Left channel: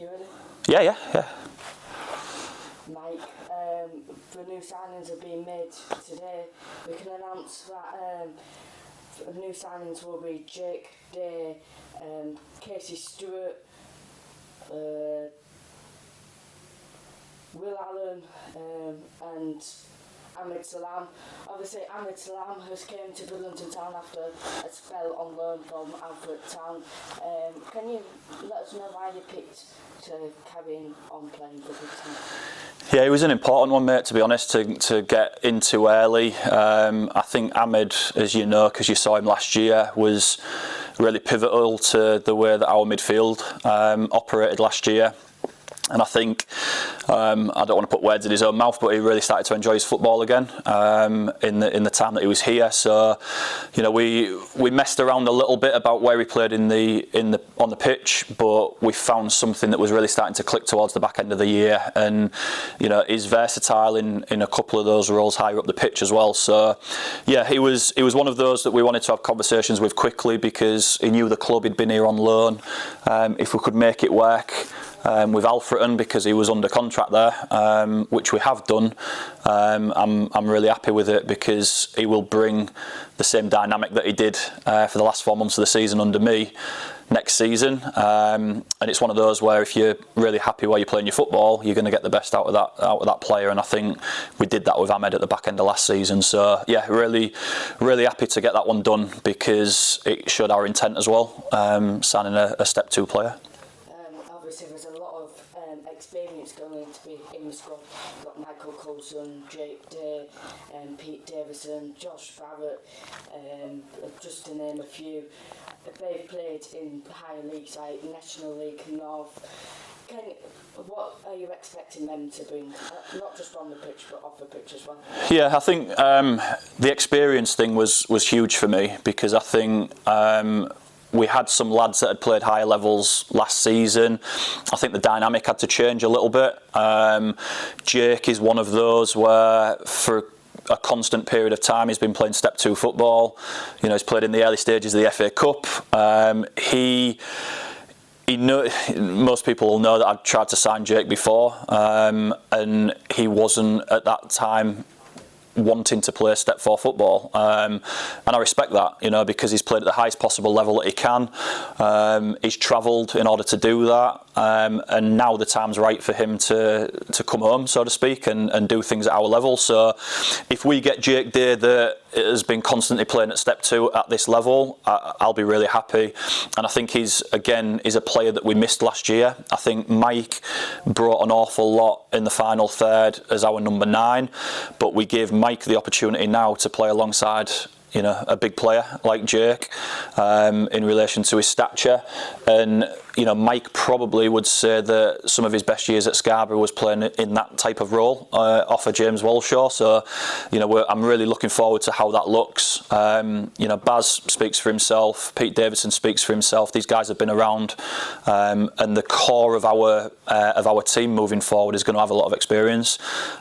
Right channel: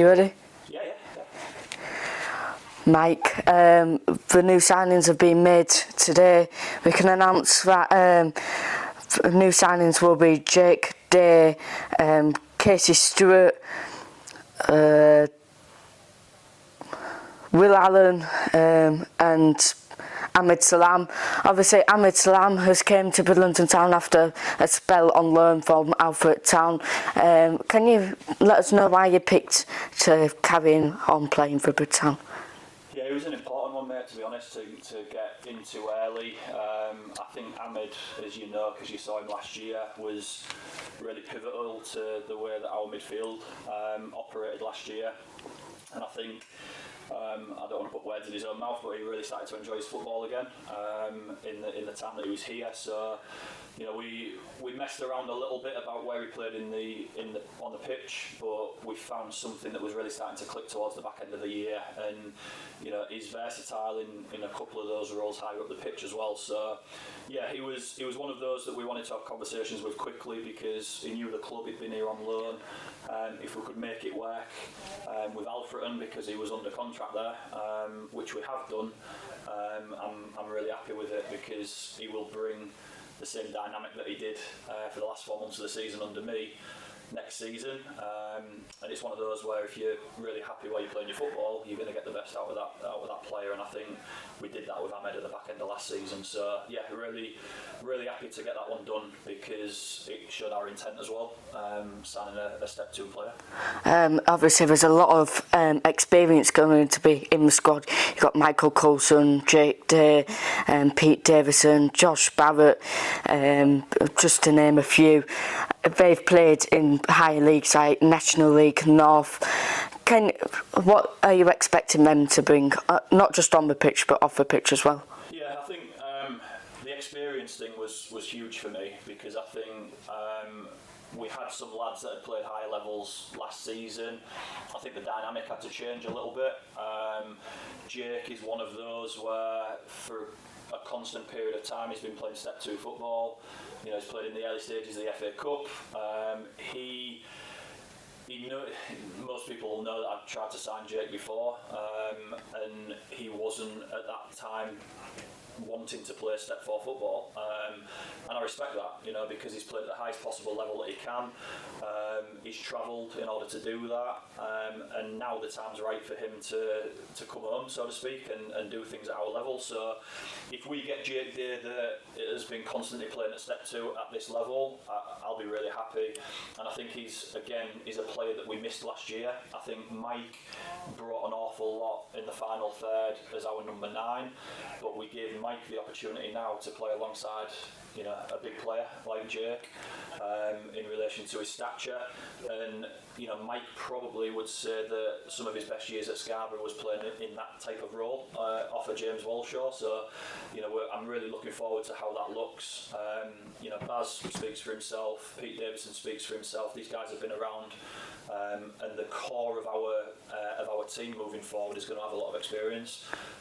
You ready? Yeah. Mike, the new signings have been made today. We can announce that new signings will be Jake Day, Casey Stewart, Will Allen, and Ahmed Salam. Obviously, Ahmed Salam has came to Bridlington Town after a spell on loan from Alfred Town. Can you let us know why you picked to carry on playing for Bridtown? Yeah, it was an important one, mate, to be honest, to get into early. I think Ahmed, as you know, because you saw him last year, was really pivotal to the way that our midfield operated last year. And I think, I don't want to put words in his own mouth, but he really started to enjoy his football again in the time that he was here. So, you know, we messed around a little bit about where he played on the pitch, but we found something that was really starting to click towards the back end of the year. And you know, he's versatile in a couple of those roles higher up the pitch as well. So, yeah, he was one of those that we wanted to have conversations with quickly because he knew the club, he'd been here on loan. If we could make it work. With Alfreton, because he was under contract there, which we have done. I'm really happy with it because he will bring the same dynamic that he did for the last 4 months of the season under me next season, and it's one of those where if you're really happy where you're playing your football, you're going to get the best out of that player, and I think we did that with Ahmed at the back end of last season. So yeah, really happy to get that one done because it showed our intent as well, signing a step 2 player. Obviously there's a lot of experience going to be in the squad. You've got Michael Coulson, Jake Day, Pete Davison, Josh Barrett, just to name a few. They've played in higher leagues like National League, North. What are you expecting them to bring, not just on the pitch but off the pitch as well? Yeah, I think the experience thing was huge for me because I think we had some lads that had played higher levels last season. I think the dynamic had to change a little bit. Jake is one of those where for a constant period of time he's been playing step 2 football. You know, he's played in the early stages of the FA Cup. Most people will know that I'd tried to sign Jake before, and he wasn't at that time wanting to play step 4 football, and I respect that, you know, because he's played at the highest possible level that he can. He's travelled in order to do that, and now the time's right for him to come home, so to speak, and do things at our level. So if we get Jake Day that has been constantly playing at step 2 at this level, I'll be really happy. And I think he's a player that we missed last year. I think Mike brought an awful lot in the final third as our number 9, but we gave Mike the opportunity now to play alongside, you know, a big player like Jake in relation to his stature. And you know, Mike probably would say that some of his best years at Scarborough was playing in that type of role off of James Walshaw. So, you know, I'm really looking forward to how that looks. You know, Baz speaks for himself. Pete Davison speaks for himself. These guys have been around, and the core of our team moving forward is going to have a lot of experience.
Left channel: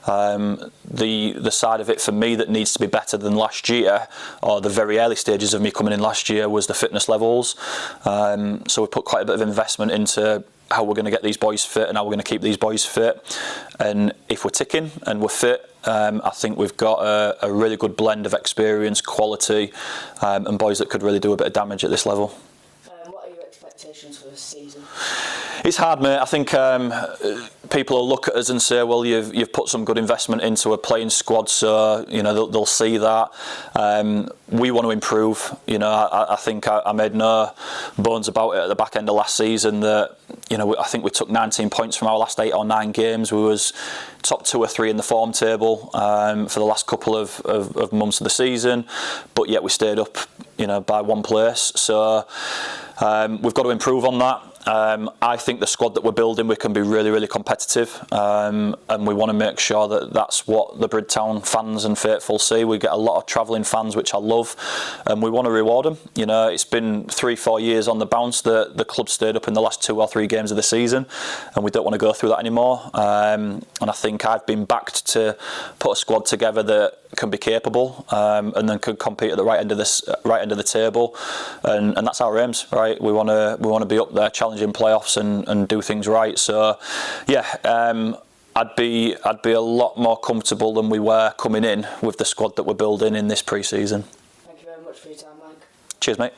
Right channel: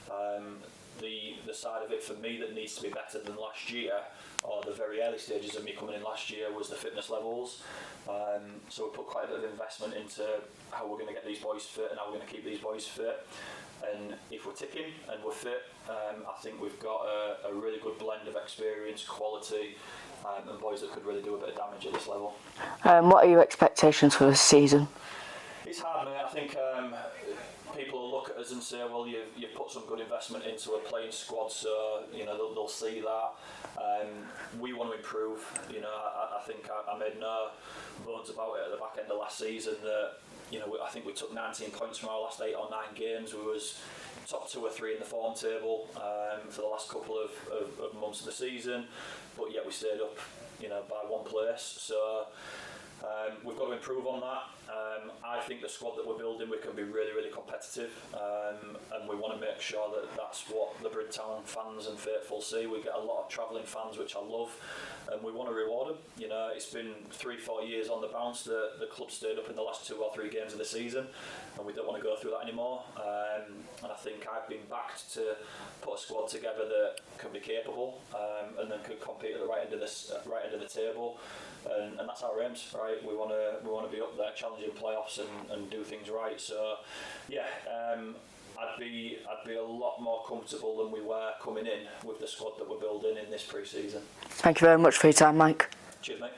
The side of it for me that needs to be better than last year, or the very early stages of me coming in last year, was the fitness levels. So we put quite a bit of investment into how we're going to get these boys fit and how we're going to keep these boys fit. And if we're ticking and we're fit, I think we've got a really good blend of experience, quality, and boys that could really do a bit of damage at this level. What are your expectations for this season? It's hard, mate. I think people will look at us and say, well, you've put some good investment into a playing squad, so you know they'll see that. We want to improve. You know, I think I made no bones about it at the back end of last season that, you know, I think we took 19 points from our last 8 or 9 games. We was top 2 or 3 in the form table for the last couple of months of the season, but yet we stayed up, you know, by 1 place. So we've got to improve on that. I think the squad that we're building, we can be really, really competitive, and we want to make sure that that's what the Bridtown fans and faithful see. We get a lot of travelling fans, which I love, and we want to reward them. You know, it's been 3-4 years on the bounce that the club stayed up in the last 2 or 3 games of the season, and we don't want to go through that anymore. And I think I've been backed to put a squad together that can be capable, and then can compete at the right end of the table, and that's our aims, right? We want to be up there challenging challenging playoffs and do things right. So, yeah, I'd be a lot more comfortable than we were coming in with the squad that we're building in this pre-season. Thank you very much for your time, Mike. Cheers, mate.